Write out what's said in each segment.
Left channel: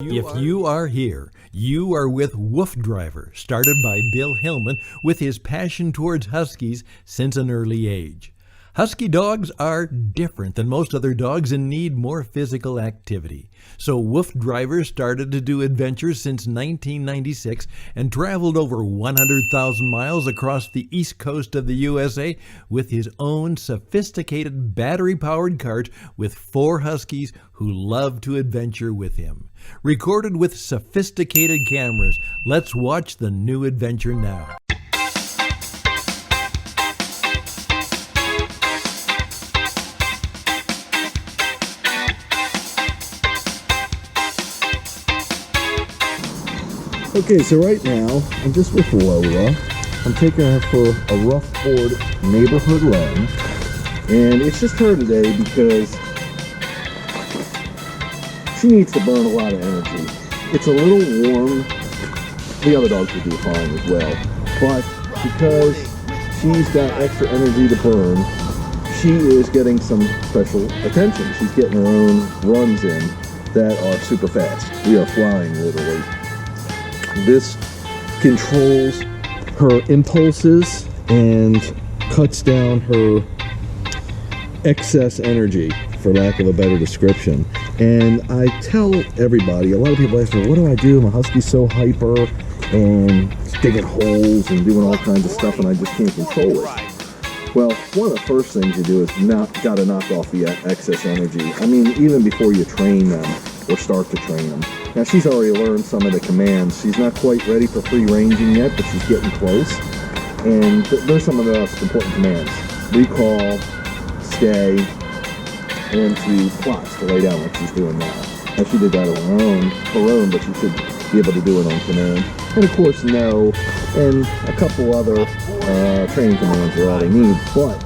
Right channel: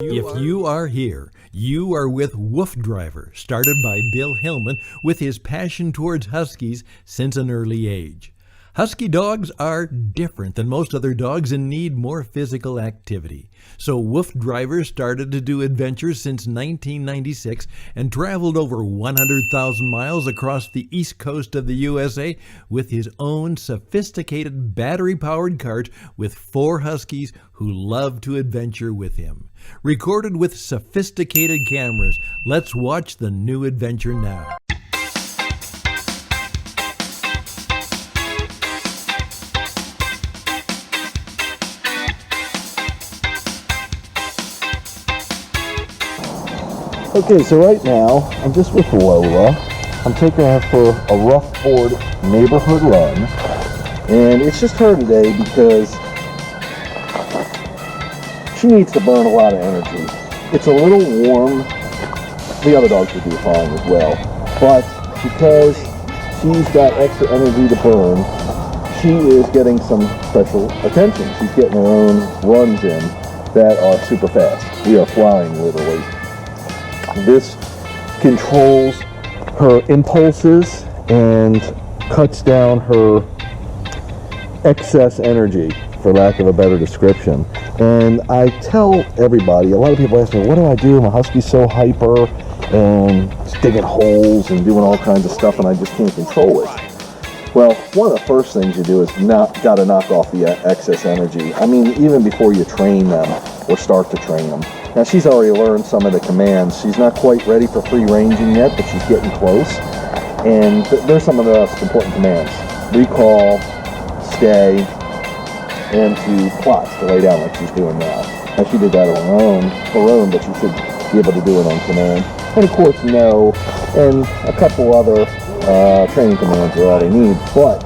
If you are here, you are with Woof Driver, started by Bill Hillman with his passion towards Huskies since an early age. Husky dogs are different than most other dogs and need more physical activity. So Woof Driver started to do adventures since 1996 and traveled over 100,000 miles across the east coast of the USA with his own sophisticated battery-powered cart with 4 Huskies who love to adventure with him. Recorded with sophisticated cameras, let's watch the new adventure now. Okay, so right now, I'm just with Lola. I'm taking her for a rough board neighborhood run. And it's just her today because she needs to burn a lot of energy. It's a little warm. The other dogs would be fine as well. But because she's got extra energy to burn, she is getting some special attention. She's getting her own runs in that are super fast. We are flying, literally. This controls her impulses and cuts down her excess energy, for lack of a better description. And I tell everybody, a lot of people ask me, what do I do? My husky's so hyper and digging holes and doing all kinds of stuff, and I just can't control it. Well, one of the first things you do is got to knock off the excess energy. I mean, even before you train them or start to train them. Now, she's already learned some of the commands. She's not quite ready for free ranging yet, but she's getting close. And there's some of the most important commands. Recall, stay, and to plot, to lay down like she's doing now. Now, she did that on her own, but she should be able to do it on command. And of course, no, and a couple other training commands are all they need. But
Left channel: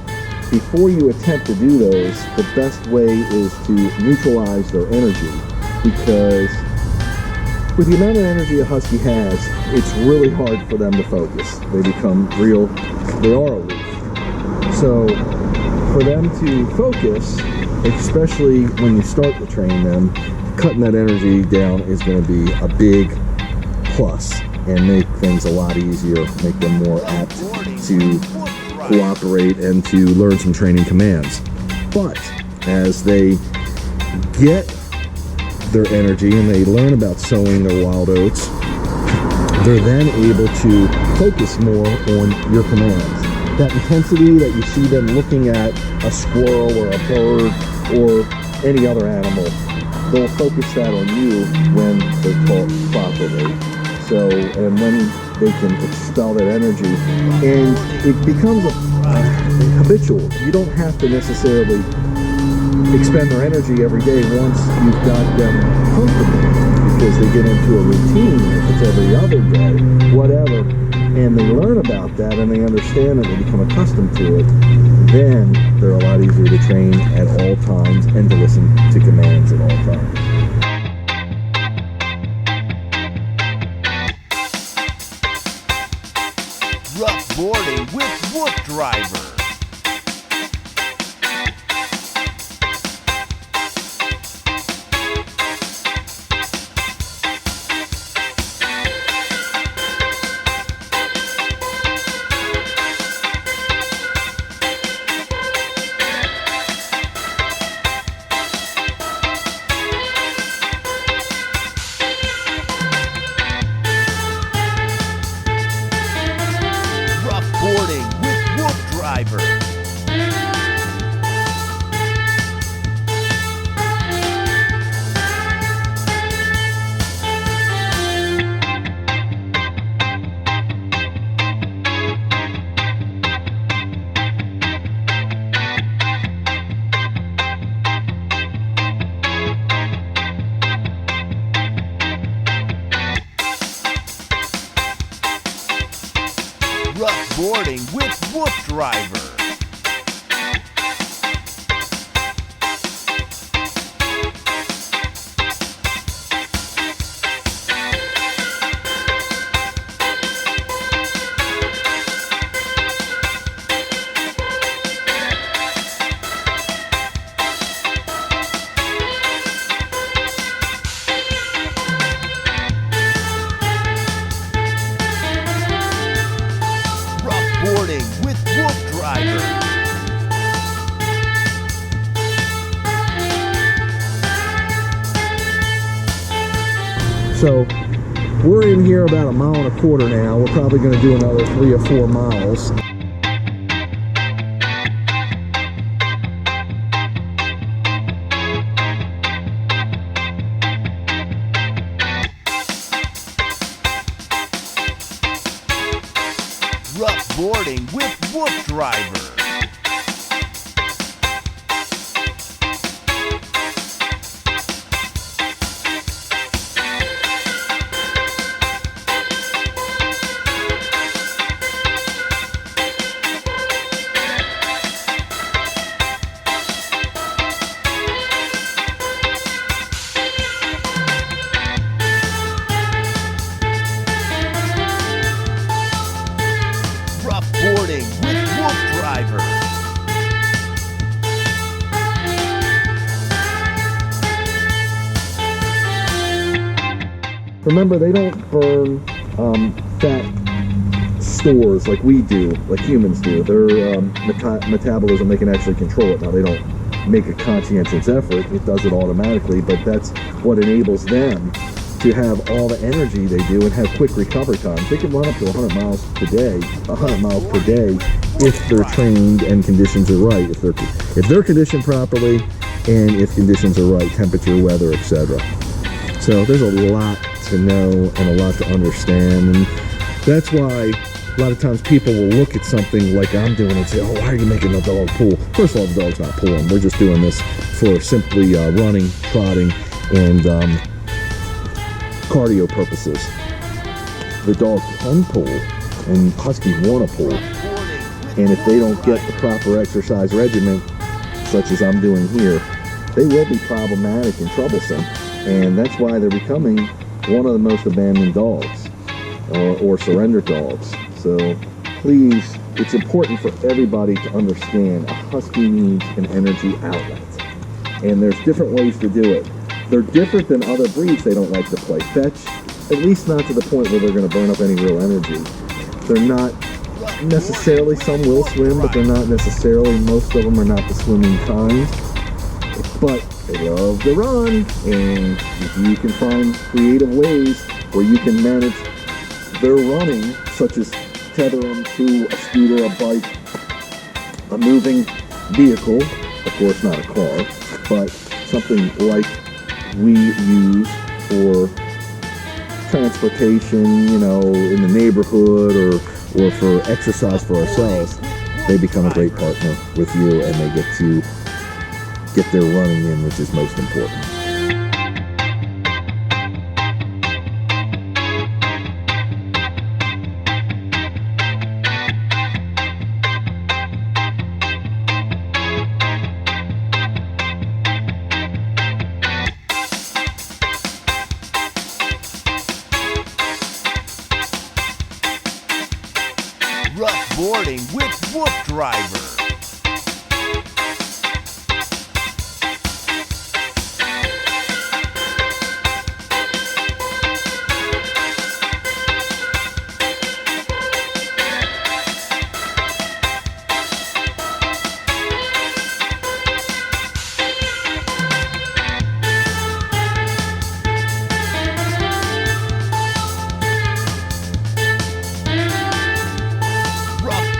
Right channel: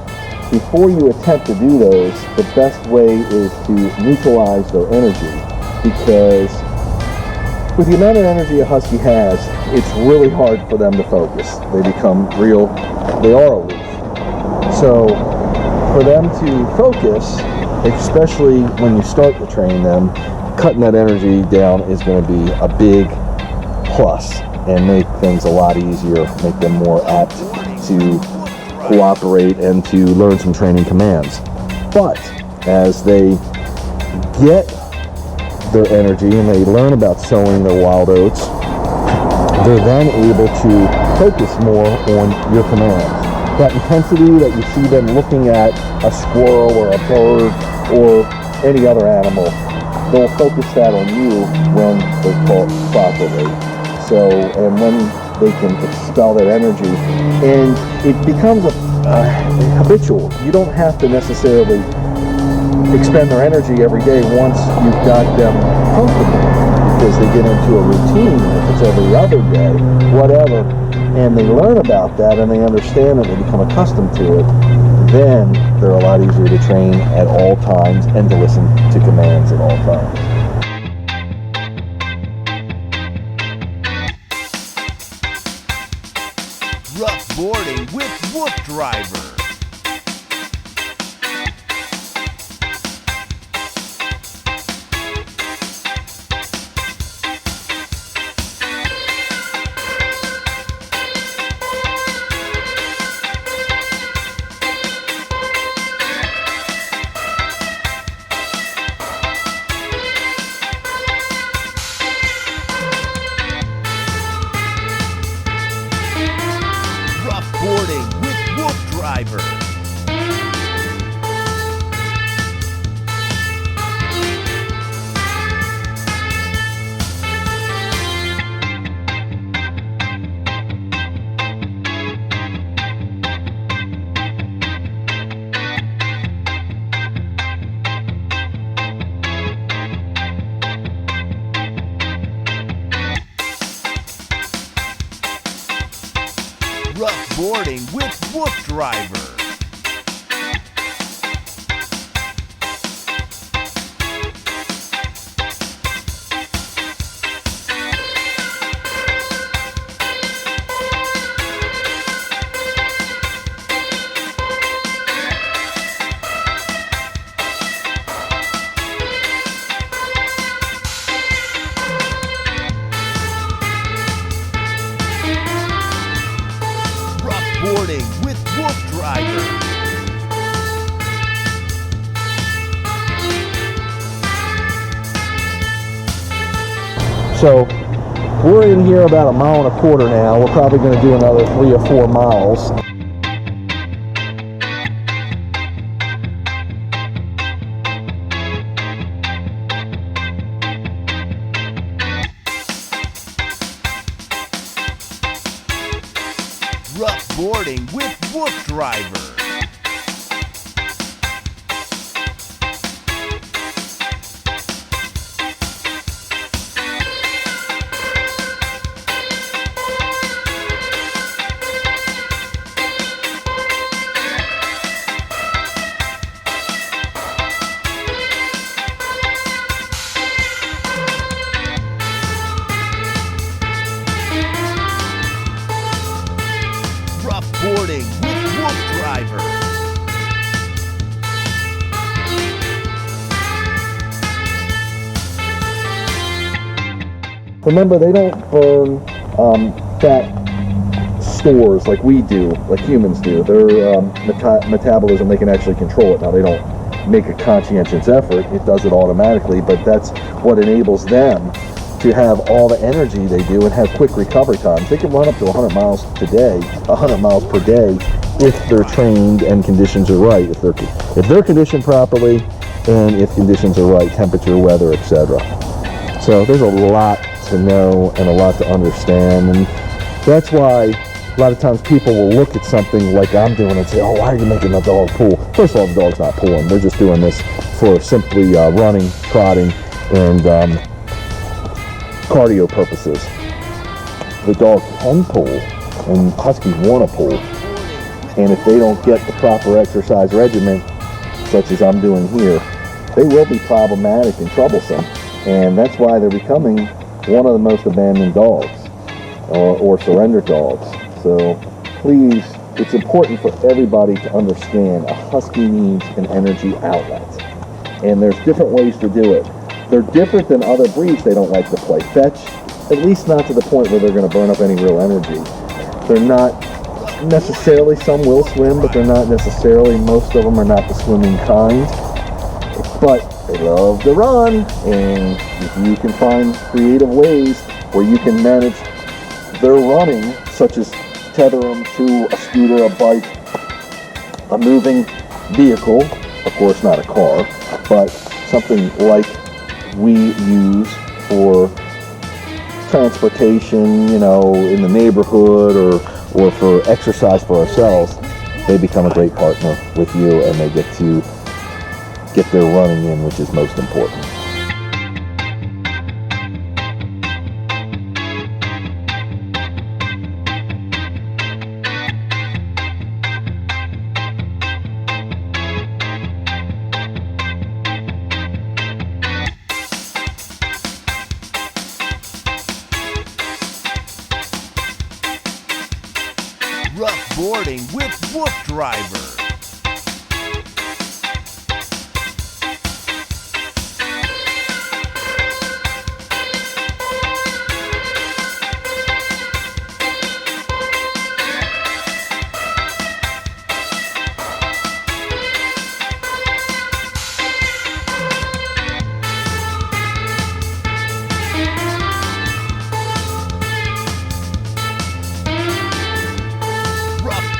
before you attempt to do those, the best way is to neutralize their energy, because with the amount of energy a husky has, it's really hard for them to focus. They become they are aloof. So for them to focus, especially when you start to train them, cutting that energy down is going to be a big plus and make things a lot easier, make them more apt to cooperate and to learn some training commands. But as they get their energy and they learn about sowing their wild oats, they're then able to focus more on your commands. That intensity that you see them looking at a squirrel or a bird or any other animal, they'll focus that on you when they're taught properly. So, and then they can expel that energy, and it becomes habitual. You don't have to necessarily expend their energy every day once you've got them comfortable, because they get into a routine. If it's every other day, whatever, and they learn about that and they understand it, they become accustomed to it, then they're a lot easier to train at all times and to listen to commands at all times. Rough Boarding with Woof Driver. Boarding with Woof Driver. Rough Boarding with Woof Driver. Boarding with Wolf Driver. So we're in here about 1.25 miles now. We're probably going to do another 3 or 4 miles. Rough Boarding with Wolf Driver. Rough Boarding with Wolf Driver. Remember, they don't burn fat stores like we do, like humans do. Their metabolism, they can actually control it. Now, they don't make a conscientious effort. It does it automatically, but that's what enables them to have all the energy they do and have quick recovery times. They can run up to 100 miles per day if they're trained and conditions are right. If they're conditioned properly and if conditions are right, temperature, weather, etc. So there's a lot to know and a lot to understand, and that's why a lot of times people will look at something like I'm doing and say, oh, why are you making the dog pull? First of all, the dog's not pulling. They're just doing this for simply running, trotting, and cardio purposes. The dog can pull, and huskies want to pull, and if they don't get the proper exercise regimen, such as I'm doing here, they will be problematic and troublesome, and that's why they're becoming one of the most abandoned dogs or surrender dogs. So please, it's important for everybody to understand a husky needs an energy outlet, and there's different ways to do it. They're different than other breeds. They don't like to play fetch, at least not to the point where they're going to burn up any real energy. They're not necessarily, some will swim, but they're not necessarily, most of them are not the swimming kind. But they love to run, and if you can find creative ways where you can manage their running, such as tether them to a scooter, a bike, a moving vehicle, of course not a car, but something like we use for transportation, you know, in the neighborhood or for exercise for ourselves, they become a great partner with you, and they get to get their running in, which is most important. Rough Boarding with Wolf Driver.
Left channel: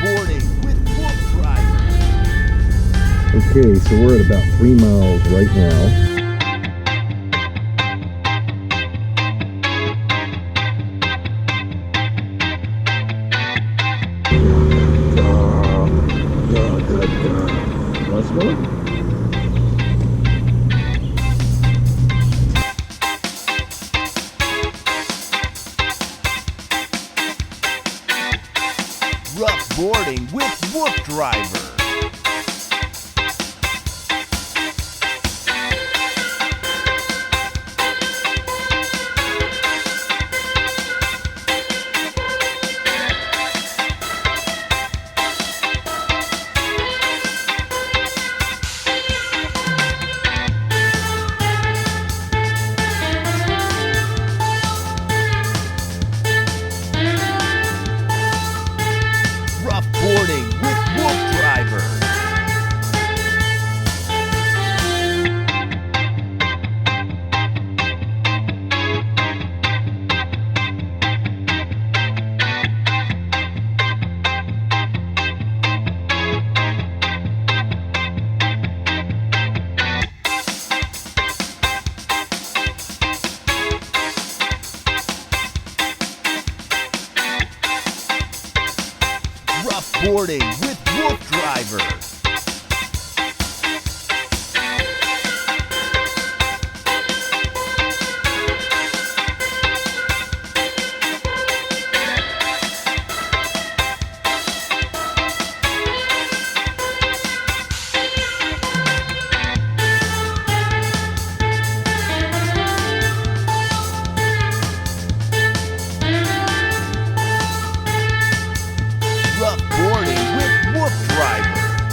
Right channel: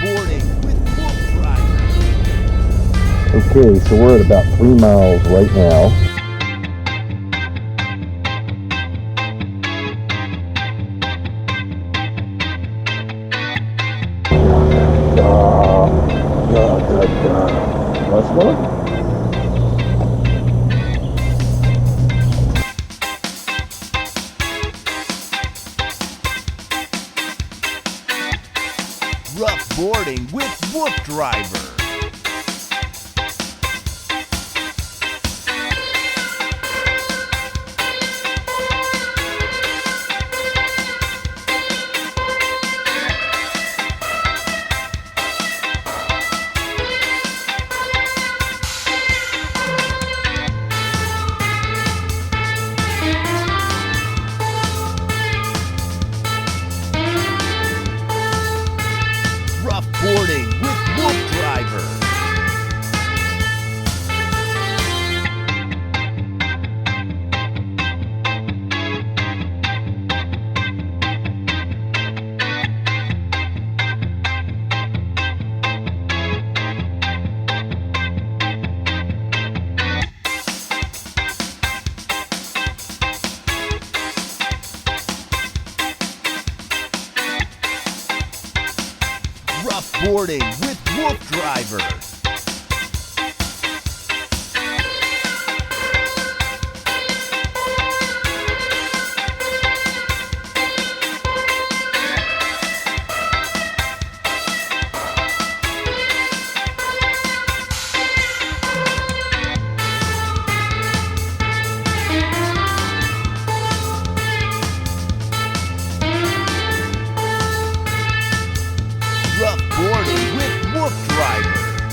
Boarding with Wolf Driver. Okay, so we're at about 3 miles right now. Let's go. Rough Boarding with Wolf Driver. Boarding with Wolf Driver. Rough Boarding with Wolf Driver.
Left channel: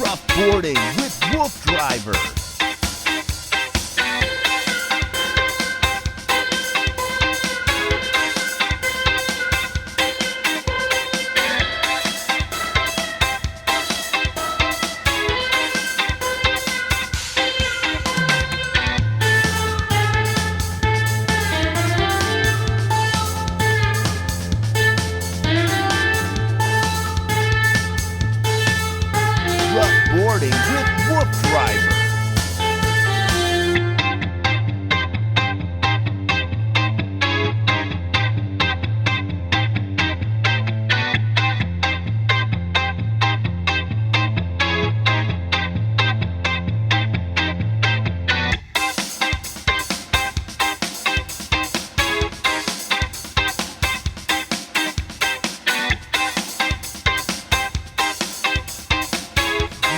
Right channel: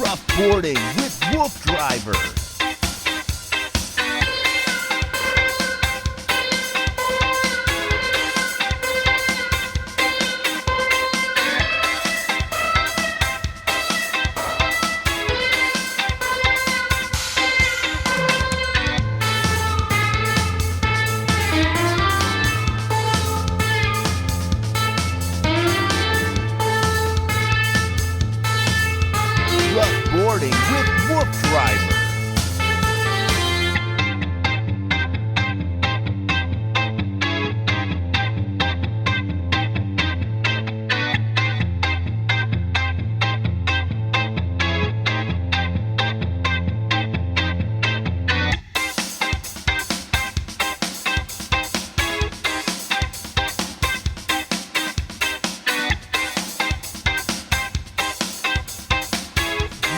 Rough Boarding with Wolf Driver. Rough Boarding with Wolf Driver.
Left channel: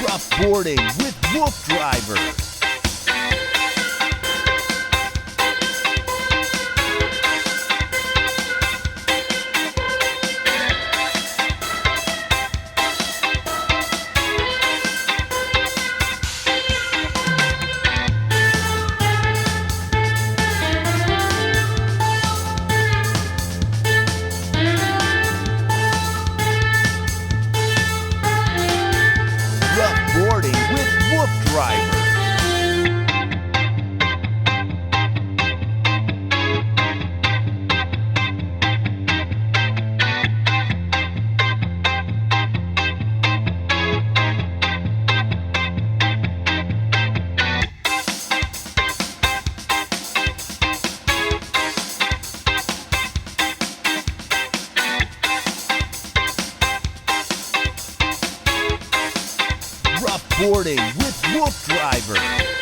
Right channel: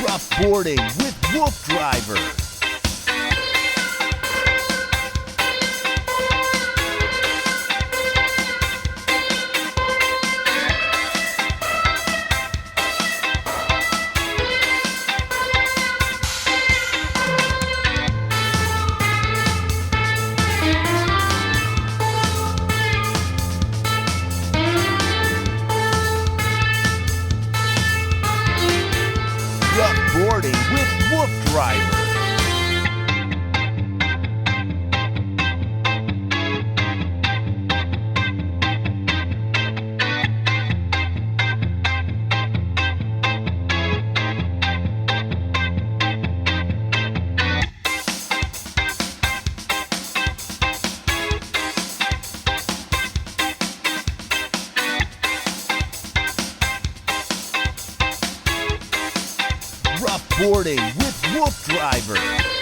Rough Boarding with Wolf Driver. Rough Boarding with Wolf Driver. Rough Boarding with Wolf Driver.